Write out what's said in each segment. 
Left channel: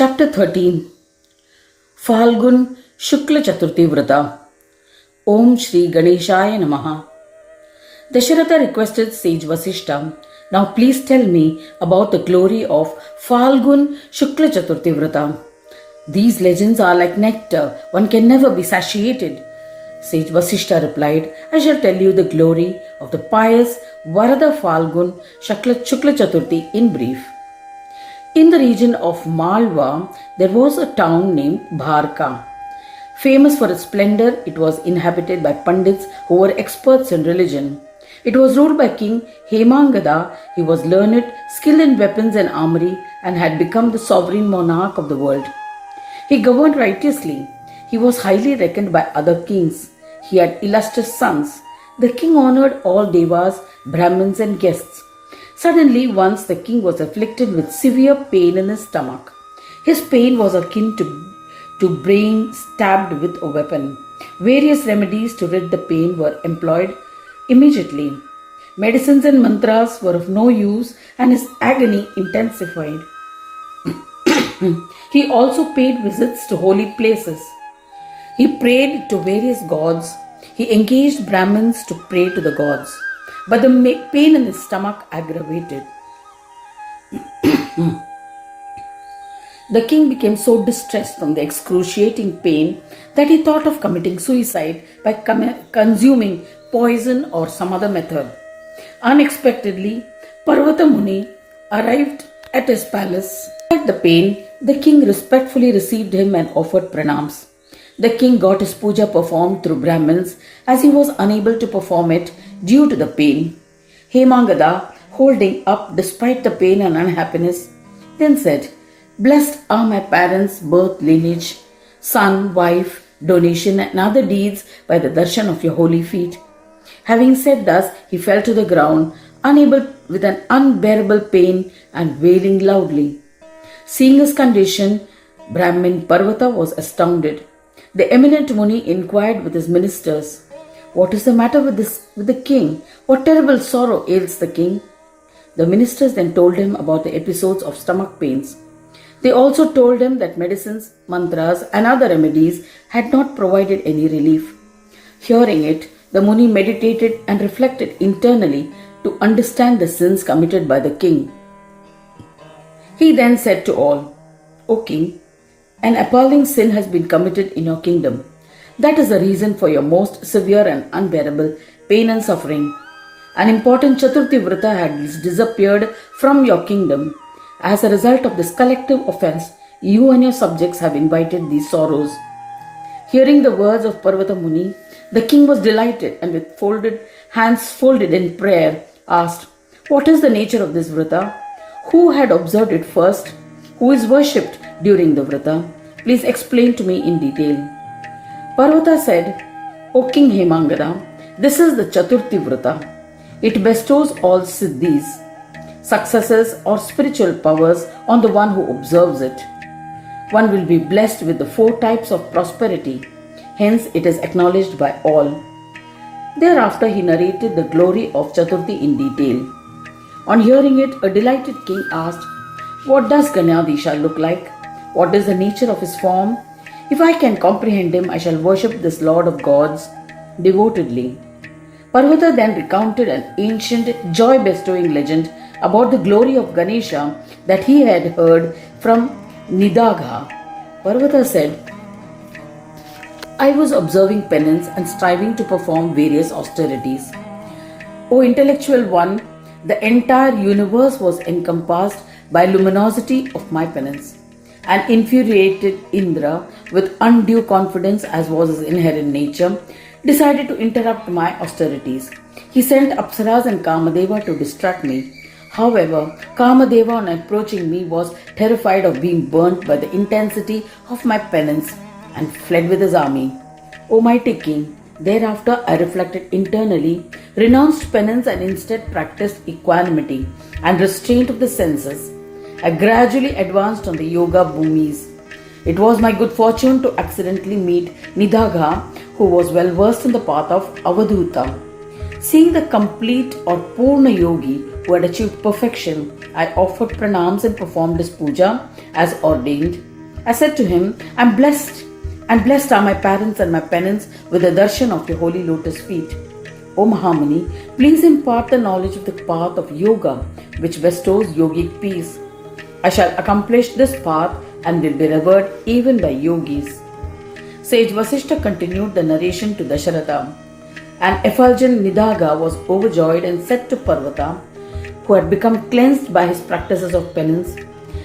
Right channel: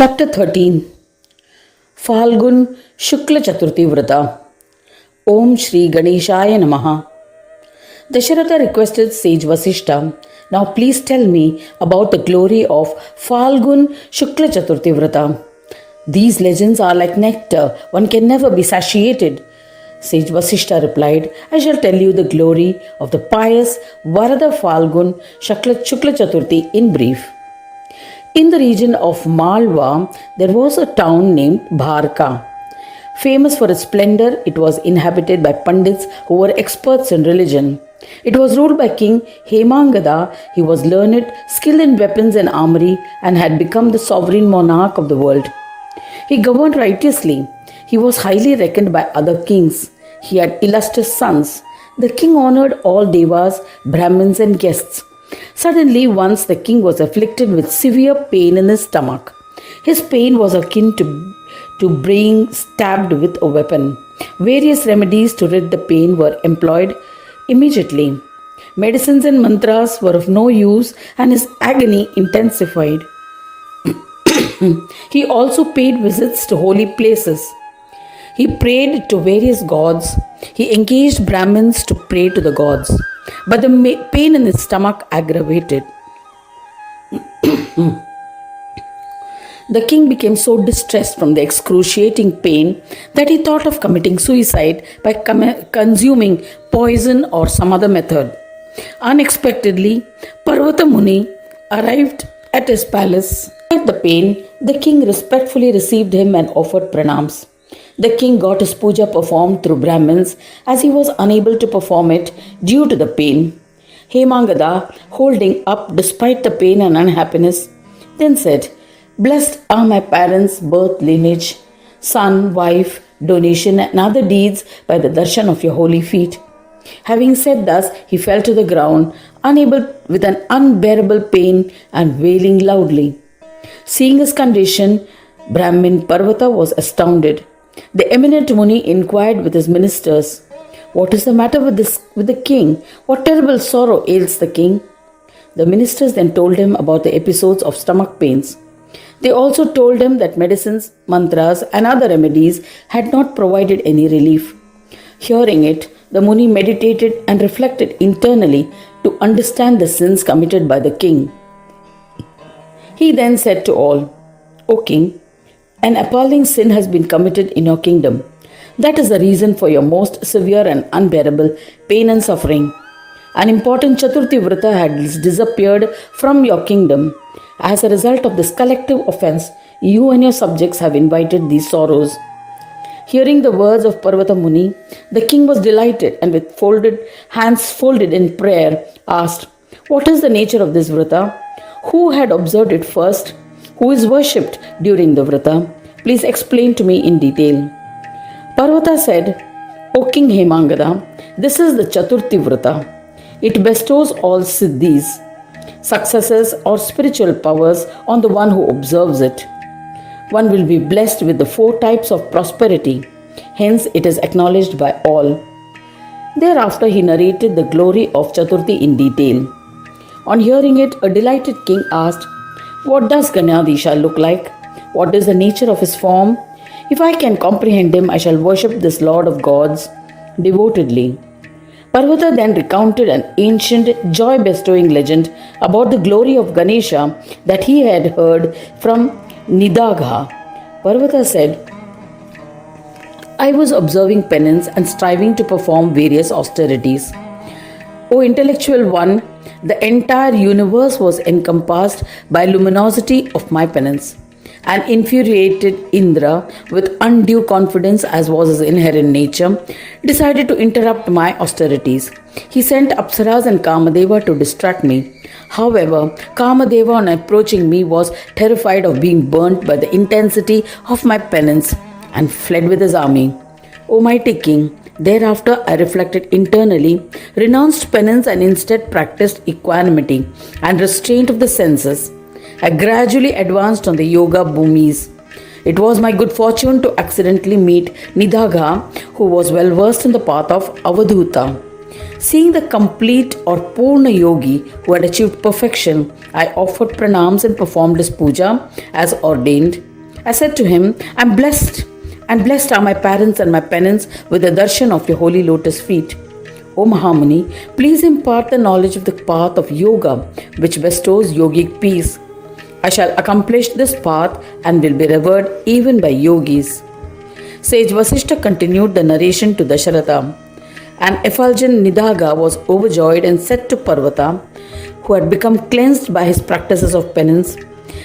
Chapter 13 Phalgun Shukla Chaturthi Vrata. Om Shri Ganeshaya Namaha. Dasharatha requested sage Vasishta, "Now please tell me about the glory of Phalgun Shukla Chaturthi Vrata. These legends are like nectar, one can never be satiated." Sage Vasishta replied, "I shall tell you the glory of the pious Varada Phalgun Shukla Chaturthi in brief. In the region of Malwa, there was a town named Bharka. Famous for its splendor, it was inhabited by Pandits who were experts in religion. It was ruled by King Hemangada. He was learned, skilled in weapons and armory, and had become the sovereign monarch of the world. He governed righteously. He was highly reckoned by other kings. He had illustrious sons. The king honored all devas, Brahmins, and guests. Suddenly, once the king was afflicted with severe pain in his stomach. His pain was akin to being stabbed with a weapon. Various remedies to rid the pain were employed immediately. Medicines and mantras were of no use, and his agony intensified. He also paid visits to holy places. He prayed to various gods. He engaged Brahmins to pray to the gods. But the pain in his stomach aggravated. The king became so distressed from the excruciating pain that he thought of committing suicide by consuming poison or some other method. Unexpectedly, Parvata Muni arrived at his palace. At the pain, the king respectfully received him and offered pranams. The king got his puja performed through Brahmins as he was unable to perform it due to the pain. Hemangada, holding up despite the pain and unhappiness, then said, "Blessed are my parents' birth lineage, son, wife, donation and other deeds by the darshan of your holy feet." Having said thus, he fell to the ground, unable with an unbearable pain and wailing loudly. Seeing his condition, Brahmin Parvata was astounded. The eminent Muni inquired with his ministers, "What is the matter with the king? What terrible sorrow ails the king?" The ministers then told him about the episodes of stomach pains. They also told him that medicines, mantras, and other remedies had not provided any relief. Hearing it, the Muni meditated and reflected internally to understand the sins committed by the king. He then said to all, "O king, an appalling sin has been committed in your kingdom. That is the reason for your most severe and unbearable pain and suffering. An important Chaturthi Vrata has disappeared from your kingdom. As a result of this collective offense, you and your subjects have invited these sorrows." Hearing the words of Parvata Muni, the king was delighted and with hands folded in prayer asked, "What is the nature of this Vrata? Who had observed it first? Who is worshipped during the Vrata? Please explain to me in detail." Parvata said, "O King Hemangada, this is the Chaturthi Vrata. It bestows all siddhis, successes or spiritual powers on the one who observes it. One will be blessed with the 4 types of prosperity. Hence it is acknowledged by all." Thereafter he narrated the glory of Chaturthi in detail. On hearing it, a delighted king asked, "What does Ganesha look like? What is the nature of his form? If I can comprehend him, I shall worship this Lord of gods devotedly." Parvata then recounted an ancient, joy-bestowing legend about the glory of Ganesha that he had heard from Nidagha. Parvata said, "I was observing penance and striving to perform various austerities. O intellectual one, the entire universe was encompassed by luminosity of my penance. An infuriated Indra, with undue confidence as was his inherent nature, decided to interrupt my austerities. He sent Apsaras and Kamadeva to distract me. However, Kamadeva, on approaching me, was terrified of being burnt by the intensity of my penance and fled with his army. O mighty king, thereafter I reflected internally, renounced penance and instead practiced equanimity and restraint of the senses. I gradually advanced on the yoga bhumis. It was my good fortune to accidentally meet Nidagha, who was well versed in the path of Avadhuta. Seeing the complete or Purna Yogi who had achieved perfection, I offered pranams and performed his puja as ordained. I said to him, I'm blessed, and blessed are my parents and my penance with the darshan of your holy lotus feet. O Mahamuni, please impart the knowledge of the path of yoga, which bestows yogic peace. I shall accomplish this path and will be revered even by yogis. Sage Vasishta continued the narration to Dasharatha. An effulgent Nidaga was overjoyed and said to Parvata, who had become cleansed by his practices of penance,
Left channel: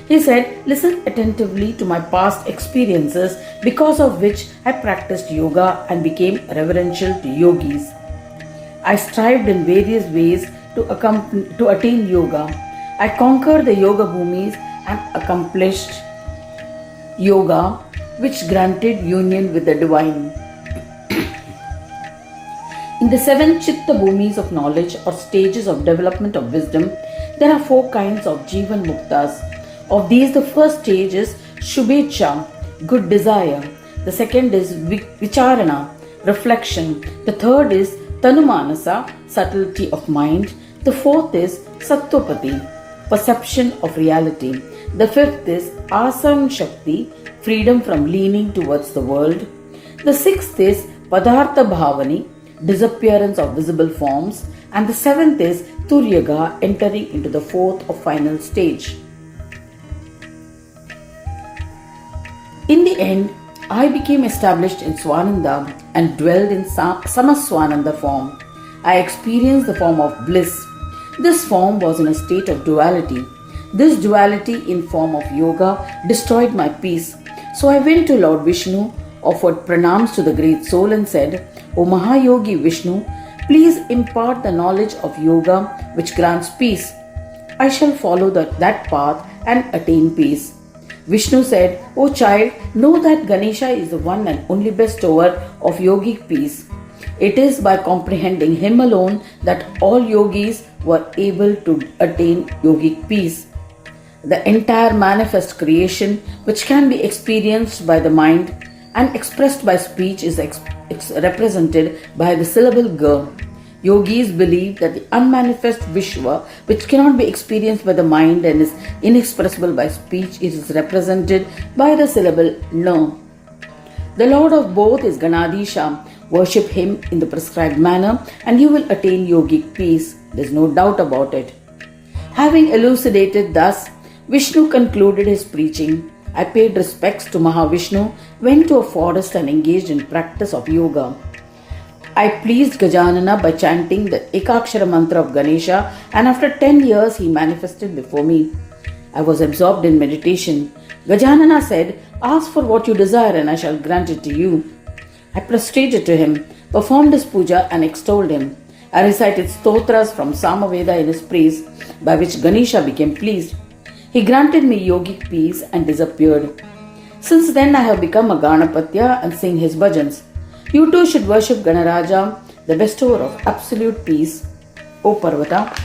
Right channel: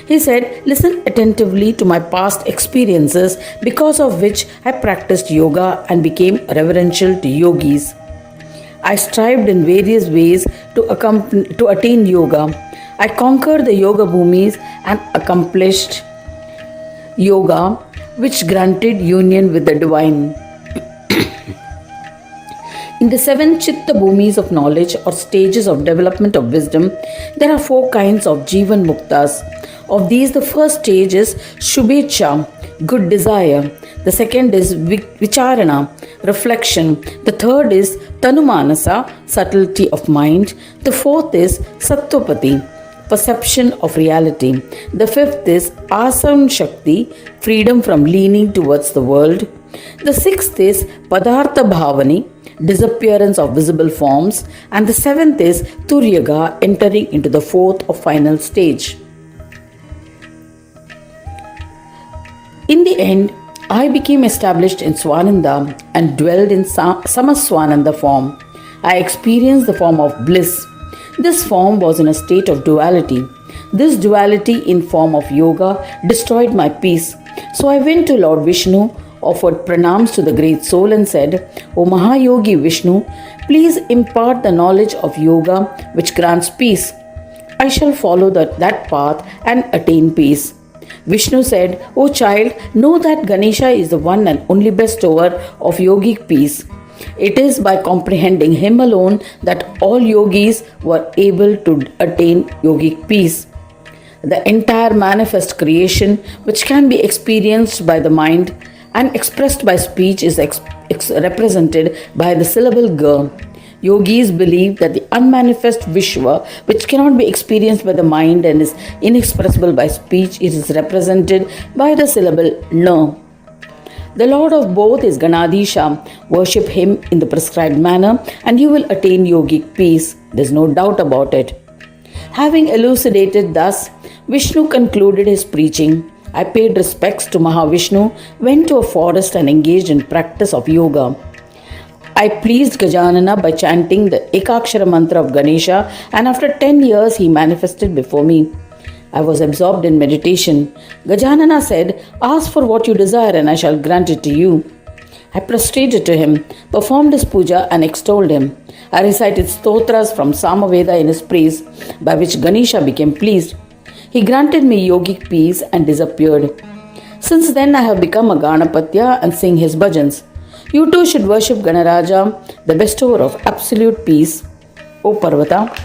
he said, listen attentively to my past experiences, because of which I practiced yoga and became reverential to yogis. I strived in various ways to attain yoga. I conquered the yoga bhumis and accomplished yoga, which granted union with the divine. In the 7 chitta bhumis of knowledge or stages of development of wisdom, there are 4 kinds of Jivan Muktas. Of these, the first stage is Shubhecha, good desire. The second is Vicharana, reflection. The third is Tanumanasa, subtlety of mind. The fourth is Sattopati, perception of reality. The fifth is Asam Shakti, freedom from leaning towards the world. The sixth is Padartha Bhavani, disappearance of visible forms. And the seventh is Turyaga, entering into the fourth or final stage. In the end, I became established in Swananda and dwelled in Samaswananda form. I experienced the form of bliss. This form was in a state of duality. This duality in form of yoga destroyed my peace. So I went to Lord Vishnu, offered pranams to the great soul and said, O Mahayogi Vishnu, please impart the knowledge of yoga which grants peace. I shall follow that path and attain peace. Vishnu said, O child, know that Ganesha is the one and only bestower of yogic peace. It is by comprehending him alone that all yogis were able to attain yogic peace. The entire manifest creation, which can be experienced by the mind and expressed by speech, is represented by the syllable Ga. Yogis believe that the unmanifest Vishwa, which cannot be experienced by the mind and is inexpressible by speech, it is represented by the syllable Na. The Lord of both is Ganadisha. Worship him in the prescribed manner and you will attain yogic peace. There is no doubt about it. Having elucidated thus, Vishnu concluded his preaching. I paid respects to Mahavishnu, went to a forest and engaged in practice of yoga. I pleased Gajanana by chanting the Ekakshara mantra of Ganesha, and after 10 years he manifested before me. I was absorbed in meditation. Gajanana said, ask for what you desire and I shall grant it to you. I prostrated to him, performed his puja and extolled him. I recited stotras from Samaveda in his praise, by which Ganesha became pleased. He granted me yogic peace and disappeared. Since then I have become a Ganapatya and sing his bhajans. You too should worship Ganaraja, the bestower of absolute peace, O Parvata.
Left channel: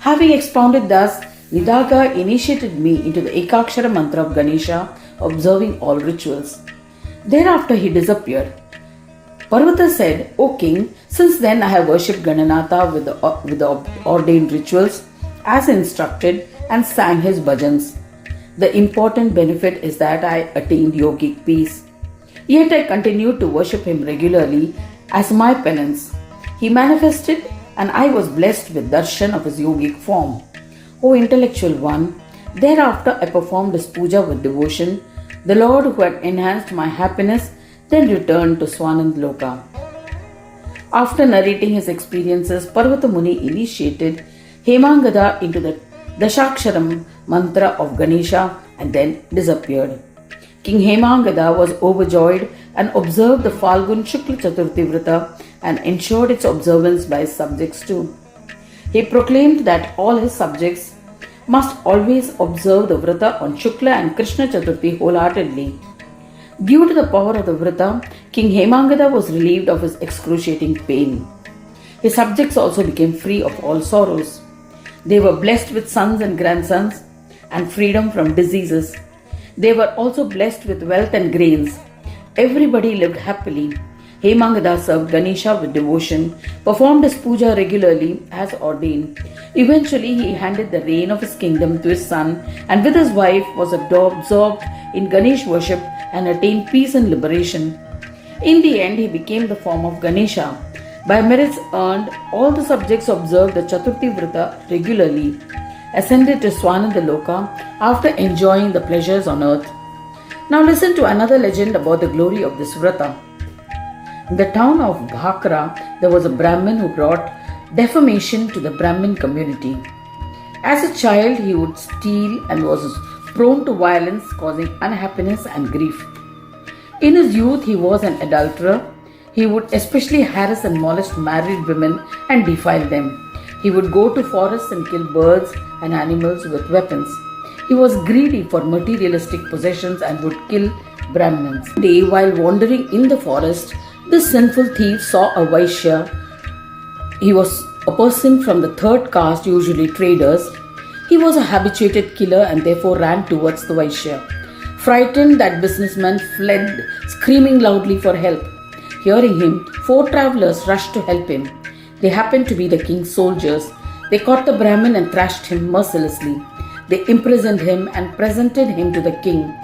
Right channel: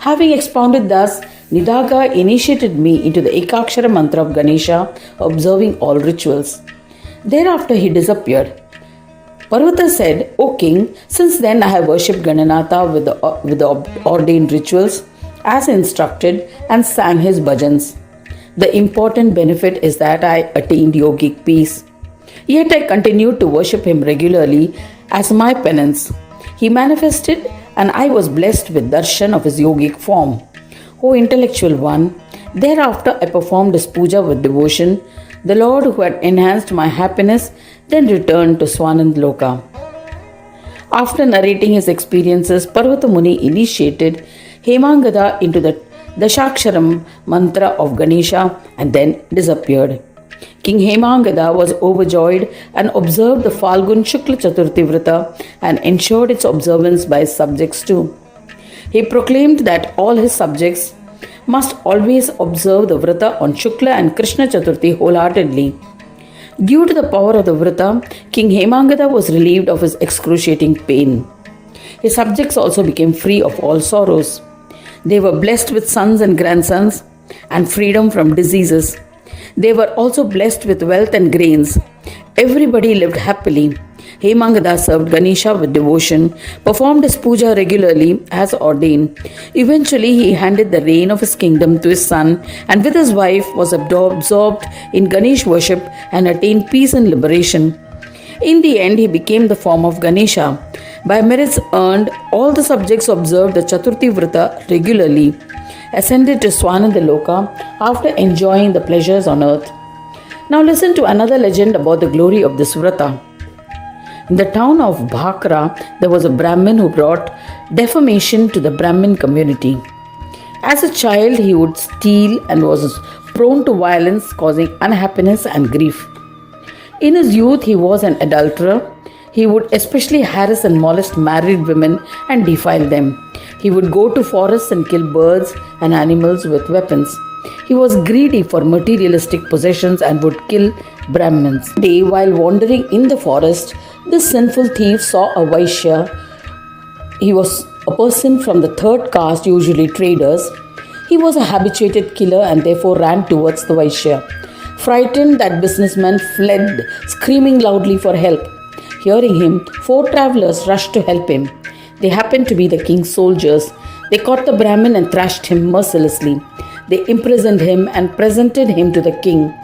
Having expounded thus, Nidaga initiated me into the Ekakshara mantra of Ganesha, observing all rituals. Thereafter he disappeared. Parvata said, O king, since then I have worshipped Gananatha with the ordained rituals, as instructed, and sang his bhajans. The important benefit is that I attained yogic peace. Yet I continued to worship him regularly as my penance. He manifested and I was blessed with darshan of his yogic form. O intellectual one, thereafter I performed his puja with devotion. The Lord who had enhanced my happiness then returned to Swanand Loka. After narrating his experiences, Parvata Muni initiated Hemangada into the Dashaksharam mantra of Ganesha and then disappeared. King Hemangada was overjoyed and observed the Phalgun Shukla Chaturthi Vrata and ensured its observance by his subjects too. He proclaimed that all his subjects must always observe the Vrata on Shukla and Krishna Chaturthi wholeheartedly. Due to the power of the Vrata, King Hemangada was relieved of his excruciating pain. His subjects also became free of all sorrows. They were blessed with sons and grandsons and freedom from diseases. They were also blessed with wealth and grains. Everybody lived happily. Hemangada served Ganesha with devotion, performed his puja regularly as ordained. Eventually, he handed the reign of his kingdom to his son and with his wife was absorbed in Ganesh worship and attained peace and liberation. In the end, he became the form of Ganesha. By merits earned, all the subjects observed the Chaturthi Vrata regularly, ascended to Swananda Loka after enjoying the pleasures on earth. Now listen to another legend about the glory of this Vrata. In the town of Bhakra, there was a Brahmin who brought defamation to the Brahmin community. As a child, he would steal and was prone to violence, causing unhappiness and grief. In his youth, he was an adulterer. He would especially harass and molest married women and defile them. He would go to forests and kill birds and animals with weapons. He was greedy for materialistic possessions and would kill Brahmins. One day, while wandering in the forest, this sinful thief saw a Vaishya. He was a person from the third caste, usually traders. He was a habituated killer and therefore ran towards the Vaishya. Frightened, that businessman fled, screaming loudly for help. Hearing him, 4 travelers rushed to help him. They happened to be the king's soldiers. They caught the Brahmin and thrashed him mercilessly. They imprisoned him and presented him to the king.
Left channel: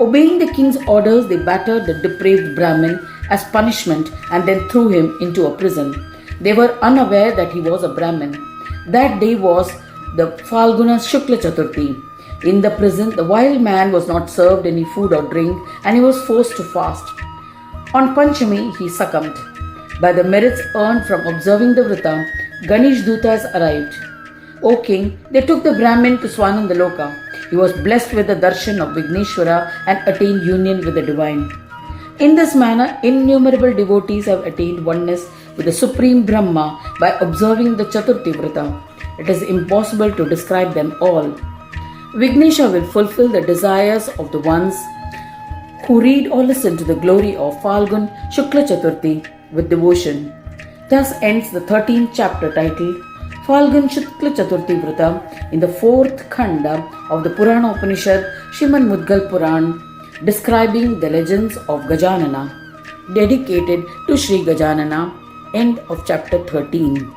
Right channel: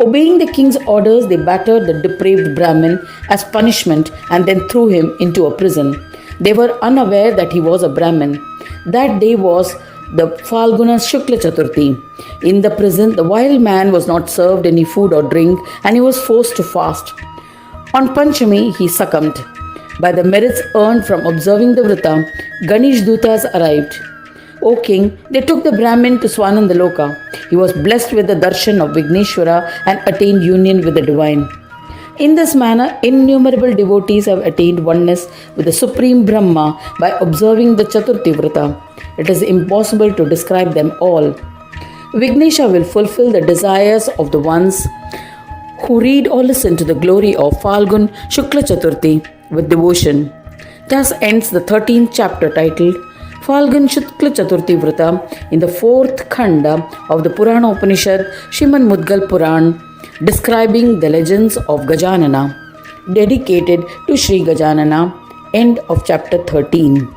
Obeying the king's orders, they battered the depraved Brahmin as punishment and then threw him into a prison. They were unaware that he was a Brahmin. That day was the Phalgun Shukla Chaturthi. In the prison, the wild man was not served any food or drink and he was forced to fast. On Panchami, he succumbed. By the merits earned from observing the Vrata, Ganesh Dutas arrived. O king, they took the Brahmin to Swananda Loka. He was blessed with the darshan of Vigneshwara and attained union with the divine. In this manner, innumerable devotees have attained oneness with the Supreme Brahma by observing the Chaturthi Vrata. It is impossible to describe them all. Vignesha will fulfill the desires of the ones who read or listen to the glory of Phalgun Shukla Chaturthi with devotion. Thus ends the 13th chapter titled Phalgun Shukla Chaturthi Vrata in the 4th Khanda of the Purana Upanishad Ganesha Mudgal Puran, describing the legends of Gajanana, dedicated to Sri Gajanana. End of chapter 13.